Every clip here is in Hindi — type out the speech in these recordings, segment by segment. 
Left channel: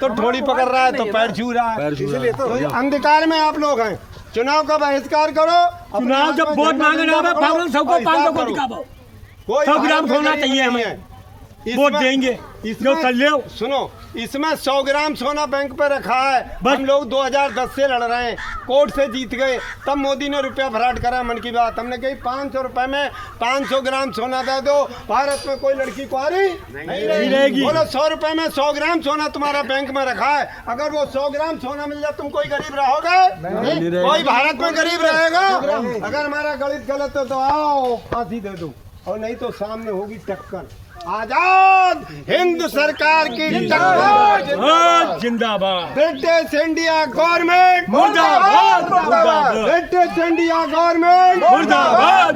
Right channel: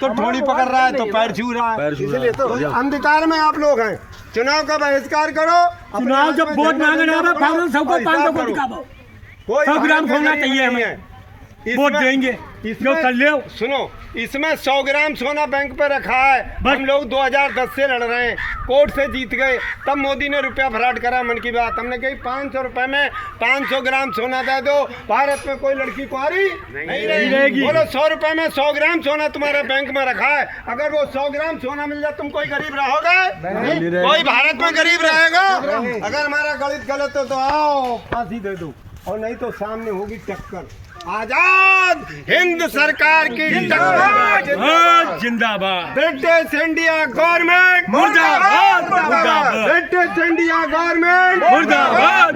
तो ठोड़ी पकड़ रहा है तो पैर छू रहा है। इसलिए तो अंधकार में आप लोग हैं। चुनाव का बहिष्कार करो। चुनाव जब वोट मांगने आवे फाइनल सबको 500 को दिखाओ। 100 ग्राम सोना चाहिए हमें, वोट देंगे जो कर ले। सुनो, इसमें 100 ग्राम सोना बैंक पे रखा है। हम लोग 2010 से लड़ रहे हैं, कोर्ट से जीत गए, तब मोदी ने रुपया फराट करा। मन की बात हमने कही 500 रुपए में 500 ग्राम सोना दे दो, भारत में कोई लड़की कुंवारी नहीं रहेगी। बोलो 100 रुपए में 100 ग्राम सोना तुम्हारा बैंक में रखा है, अगर वो 100 ग्राम सोना मिल जाए तुम कोई गरीब रहोगे? कोई भारत में गरीब रहेगा? अगर हमारा गणित गलत हो तो आओ फांसी दे दो, और नहीं तो सामने होगी टक्कर। आजाद हिंद सरकार की टक्कर जिंदाबाद। ब्रिटिश इंडिया गवर्नमेंट मुर्दाबाद। ब्रिटिश इंडिया गवर्नमेंट मुर्दाबाद।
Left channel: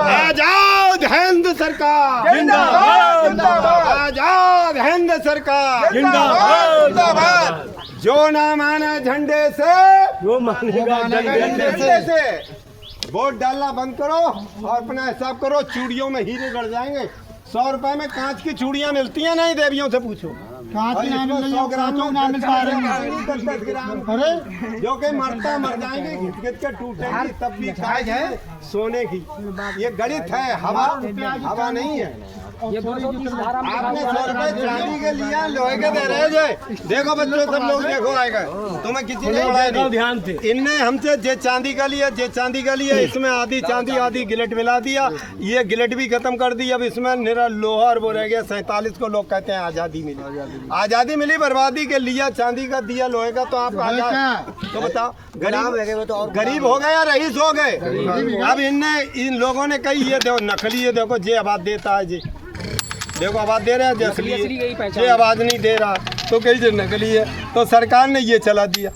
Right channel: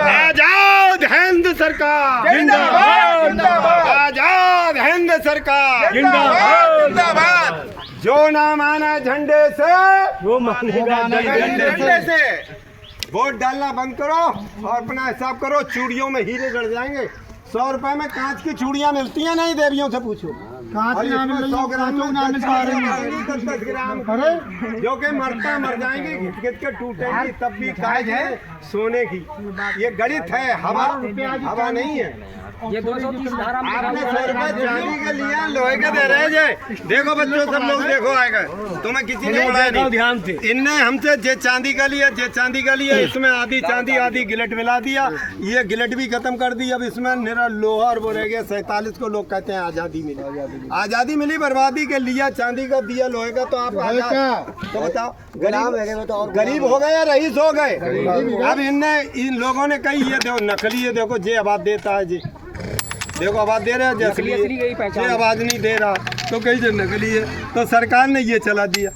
आजाद हिंद सरकार जिंदाबाद। आजाद हिंद सरकार जिंदाबाद। जो ना माना झंडे से वो मानेगा झंडे से। वोट डालना बंद करो और अपना हिसाब करो। चूड़ियों में हीरे गड़ जाएंगे। 100 रुपए में कांच की चूड़ियां मिलती हैं, नहीं देवियों से पूछो। कांच की 100 ग्राम ना मिल पा रही है। 10 ग्राम अरे जो कि मरता मर जाएंगे, घिट घिट के टूटेंगी, तब भी काज है सोने की। ये गणित है, हवा नहीं है। आपने 100 रुपए चांदी के लिया, लोहे के दे रहे जे। देखो बच्चों सब लोग देखो आएगा, तुम्हें किसी ने पढ़ाया नहीं ध्यान से। इनने हमसे जे चांदी का लिया, जे चांदी का लिया, इसमें आधी चांदी आधी गिलट मिला दिया। ये गिलट भी खत्म कर दी। अब इसमें निरा लोहा और वो रह गया। 47 को लोग कहते हैं आजादी मिली। आजादी मिली, बर्बादी के लिया चांदी का, दिया लोहे का। तो आप तो बताओ गरीब हो गए या रईस हो गए? अब इन लोगों ने कही ये देखो नकली है, देखो जे आवाज देता है जी, देखो आवाज दे रहा है जो असली है, ये आवाज नहीं दे रहा तो कहीं जो नकली है। तो सरकार ने ये चला दिया,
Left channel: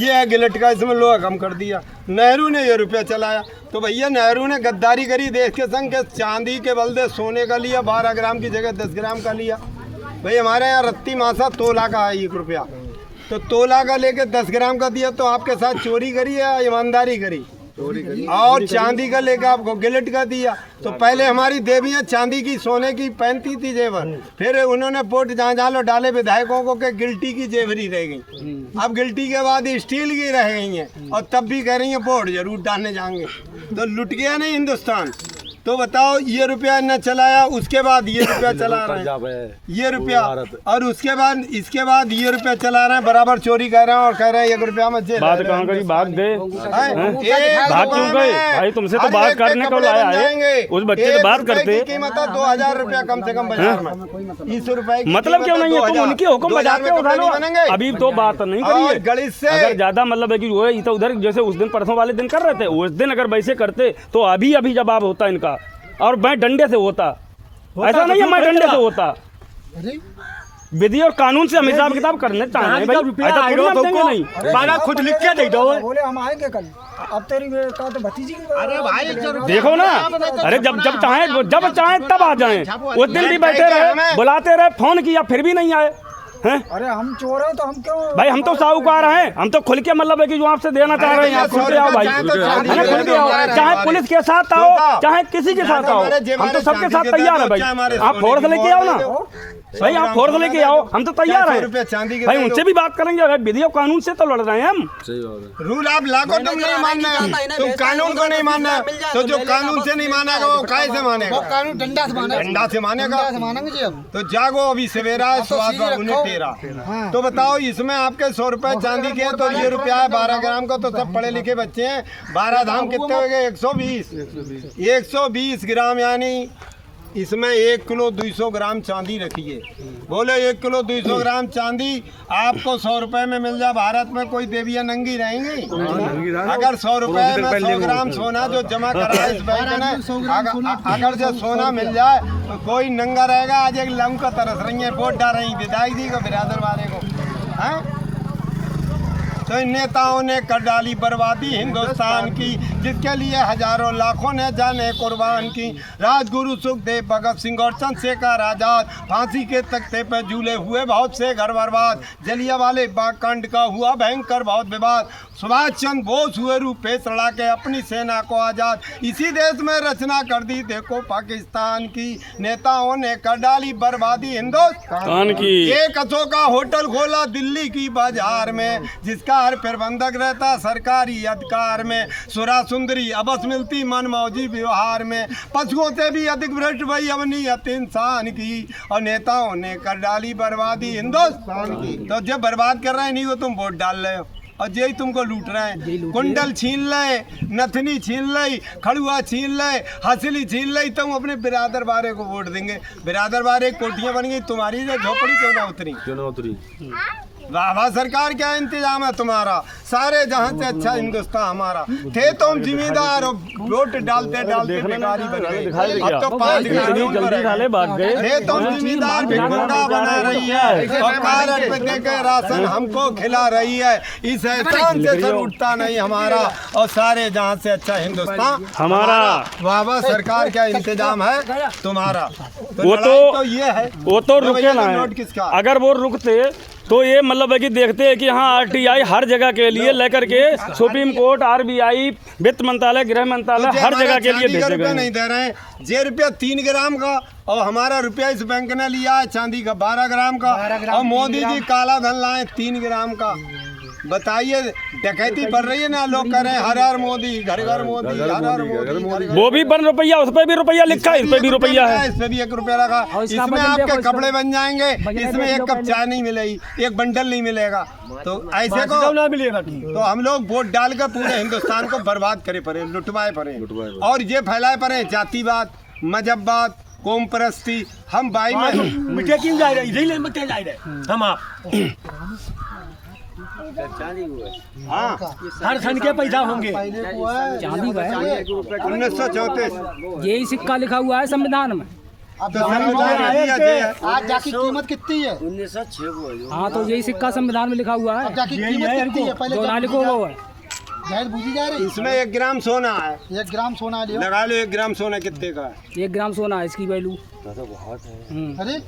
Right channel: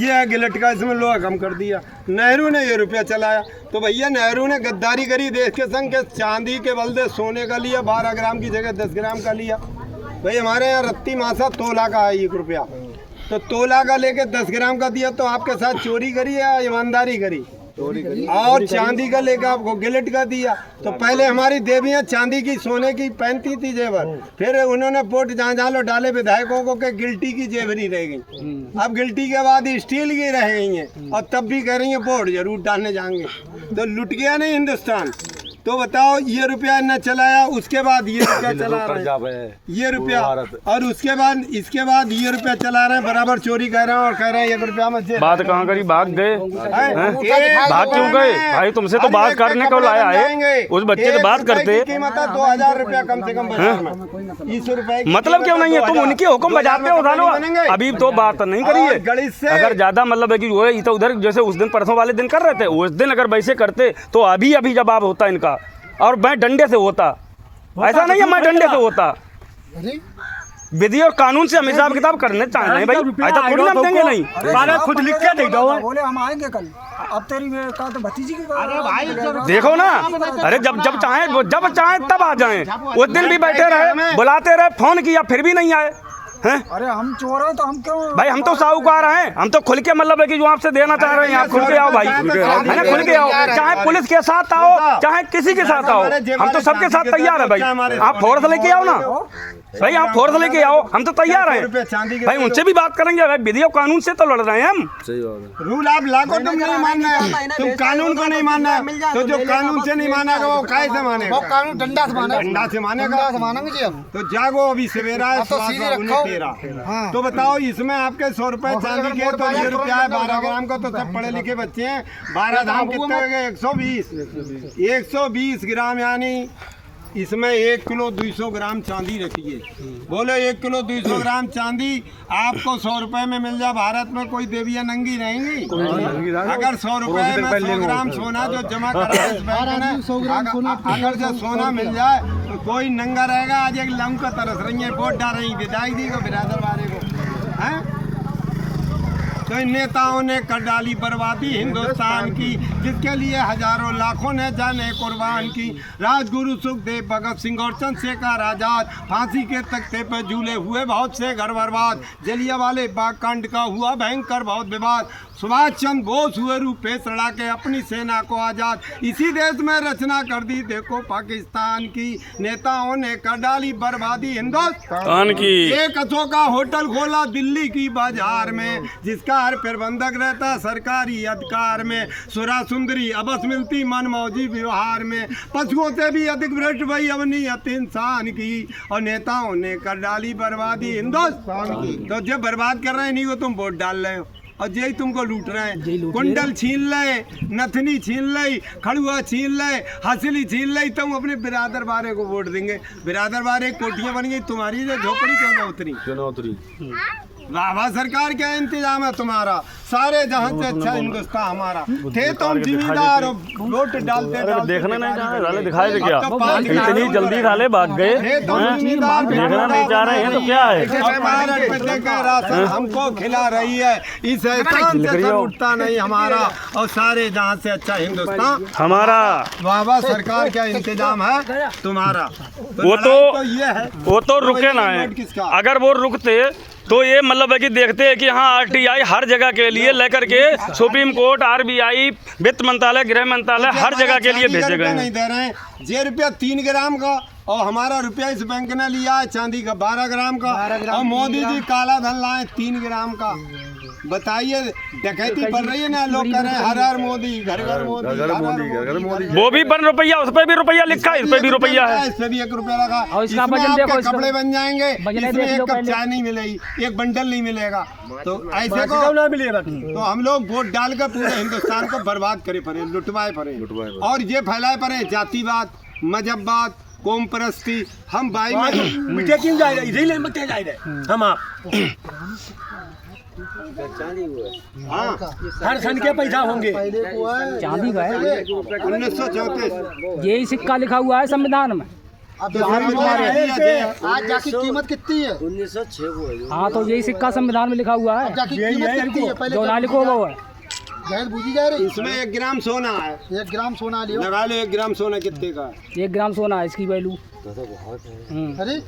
ये है गिलट का, इसमें लोहा कम कर दिया। नेहरू ने ये रुपया चलाया। तो भैया नेहरू ने गद्दारी करी देश के संग के, चांदी के बदले सोने का लिया, 12 ग्राम की जगह 10 ग्राम का लिया। भाई हमारे यहाँ रत्ती मासा तोला का है 1 रुपया, तो तोला का लेके 10 ग्राम का दिया। तो आपके साथ चोरी करी या ईमानदारी करी? और चांदी का लेकर आपको गिलट का दिया। तो पहले हमारी देवियां चांदी की सोने की पहनती थी जेवर, फिर उन्होंने वोट जहाँ लो डाले विधायकों को के गिल्टी की जेवरी रह गई। अब गिल्टी के बाद स्टील की रह गई हैं, और तब भी कह रही हैं वोट जरूर डालने जाएंगे। तो लुट गया नहीं हिंदुस्तान। तो बताओ ये रुपया न चलाया, उसके बाद ये रुपया चला रहे हैं, ये रुपया, और उसके बाद इसके बाद ये रुपया चला रहे हैं, बराबर चोरी कर रहे हैं और कह रहे हैं 1 रुपया में बात कहाँ करी? भाग गए, भाग क्यों गए भाई? तुमसे तो बात करने को लाया है, उस बच्चे से बात करते। कीमत है 2000 रुपया कम से कम बाजार में। 20 रुपए मतलब क्यों नहीं है? तुम उनके हुक्म बजाते हो उठा लो। अभी तो बात नहीं करी है। गणित से अगर ज्यादा मतलब है कि वो इधर उधर जैसे उस दिन परसों वाले दिन कर रहे थे, उस दिन अगर वैसे करते तो अभी जवाब होता इनका, और मैं डंडे से होता। ऐसा नहीं है मैं डंडे से होता। विधि और कानून से हम हिसाब किताब करने चाह रहे हैं भाई। ऐसा थोड़ी ना देंगे नहीं, बाला खुद लिख के दे दो। बोले हम आएंगे कल। अब तेरी का तो भतीजी की। अरे भाई देखो ना, अरे जब चाहे तब आ जाएं। उस दिन भी बैठे रहे, बुलाते रहे, फोन किया, फिर भी नहीं आए हैं। अरे हम चोर हैं तो हम क्यों भाई? हम तो साहूकार हैं, हम तो खुल के मतलब है कि जो आपसे देना चाह रहे हैं आप खुल के आओ भाई, है ना? खुल के आओ, चाहे पुलिस के साथ आओ, चाहे किसी के साथ आओ, हम तो सबके साथ तैयार है भाई। आप फोर्स लेके आओ ना भाई, आप फोर्स लेके आओ, हम तो तैयार हैं भाई। उनसे भी बात करेंगे। अगर विधि और कानून से तो लड़ रहे हैं हम। रूल आप लाखों तुम नहीं मानना है, तुम कानून को नहीं मानना है। तो जो कानून से नहीं मानेगा वो काय से मानेगा? कानून डंडा से मानेगा। डंडा से मानेगा, मानेंगे जी हम। तो जागो, अभी सवेरा है, तो बताओ इसमें आपके 100 रुपए चांदी के, तो ये रुपया है 12 ग्राम का। तो सब पढ़े लिखे बच्चे हैं। 12 धाम कितने हो गए? 120 ग्राम, यानी इसमें 1 किलो 200 ग्राम चांदी रखिए। बोले 1 किलो 200 ग्राम चांदी आपको 100 रुपए में मिल जाए, भारत में कोई देवियां नंगी रहेंगी? अगर 100 रुपए में 100 ग्राम सोना जो जमा करा इस बैंक ने, अगर जो सोना मिल जाए तो कोई नंगा रहेगा? आज एक लंग का तरस रही है, वोट डाल रही विधायक जी को, बिरादर वाले को, है? तो इन नेताओं ने कर डाली बर्बादी हिंदुस्तान की, जिसके लिए हजारों लाखों ने जाने कुर्बान की। राजगुरु सुखदेव, भगत सिंह और चंद्रशेखर आजाद फांसी के तख्ते पर झूले हुए बहुत से घर बर्बाद। जलियांवाले बाग कांड का हुआ भयंकर बहुत विवाद। सुभाष चंद्र बोस हुए रूपेश लड़ा के अपनी सेना को आजाद, इसी देश में रचना कर दी देखो पाकिस्तान की, नेताओं ने कर डाली बर्बादी हिंदुस्तान की। एक अशोका होटल खोला दिल्ली की बाजार में, जिसका हर प्रबंधक रहता सरकारी अधिकार में, सुरा सुंदरी अबस मिलती मनमौजी व्यवहार में, पशुओं से भी अधिक भ्रष्ट वही अवनीयत इंसान की, और नेताओं ने कर डाली बर्बादी हिंदुस्तान की। तो जब बर्बाद कर रहे हैं नहीं को तुम वोट डाल रहे हो, और यही तुमको लूट रहे हैं। कुंडल छीन ले, नथनी छीन ले, खड़ुआ छीन ले, हंसली छीन ले, तुम अपने बिरादर बारे को वोट देंगे। बिरादर बारे कोठियां बन गई तुम्हारी, से झोपड़ी क्यों ना उतरी। वाह वाह सरकार क्या इंतजाम है तुम्हारा, सारे जहां से अच्छा हिंदुस्तान हमारा। थे तुम जिम्मेदार और वोट डालते डालते अब तो 5 इतनी जल्दी डाले भाग गए। थे तुम जिम्मेदार राशन हमको खिला रही है, इस एहसान से उठता नहीं हमारा, और सारे जहां से अच्छा हिंदुस्तान हमारा। वाह वाह सरकार क्या इंतजाम है तुम्हारा। वो तो ये है, वो तो रुके ना है, अगर वो रुकते तो ये मतलब है कि देखते हैं कि हाँ आरटीआई हर जगह के लिए लेकर के सुप्रीम कोर्ट, आरबीआई, वित्त मंत्रालय, गृह मंत्रालय हर जगह के लिए भेजे गए नहीं दे रहे हैं। ये रुपया 3 ग्राम का, और हमारा रुपया इस बैंक ने लिया है चांदी का 12 ग्राम का, और मोदी जी काला धन लाए 3 ग्राम का। बताइए डकैती बढ़ रही है ना, लोग कह रहे हैं हर हर मोदी, घर घर मोदी, हर हर मोदी। वो भी बन रुपया, उस पर भी रुपया लिखा है, इस पे भी रुपया है, इस पे भी 1 रुपया लगा। इसमें आपके कपड़े बन जाएंगे, इसमें 1 कप चाय नहीं मिलेगी, 1 बंडल नहीं मिलेगा। तो ऐसे को ना मिलेगा। तो हम लोग वोट डाल कर पूरे हिंदुस्तान को बर्बाद करे पड़े, लुटवाए पड़े, और ये फैलाए पड़े जातिवाद, मजहबवाद, कौम परस्ती। हम भाई में मिटे क्यों जा रहे, इधर मिटे जा रहे हम आप। हाँ हर सन के पैसा होंगे। चांदी का है, 1934 यही सिक्का लिखा हुआ है संविधान में। आज जाकी कीमत कितनी है? 1906 को। हाँ तो यही सिक्का संविधान में लिखा हुआ है। जाकी कीमत कितनी है? पहले जो ना लिखो वो है। जाहिर बूझी जा रही। इसमें 1 ग्राम सोना है, 1 ग्राम सोना लियो। लगा लो 1 ग्राम सोना कितने का है? 1 ग्राम सोना है इसकी वैल्यू। अरे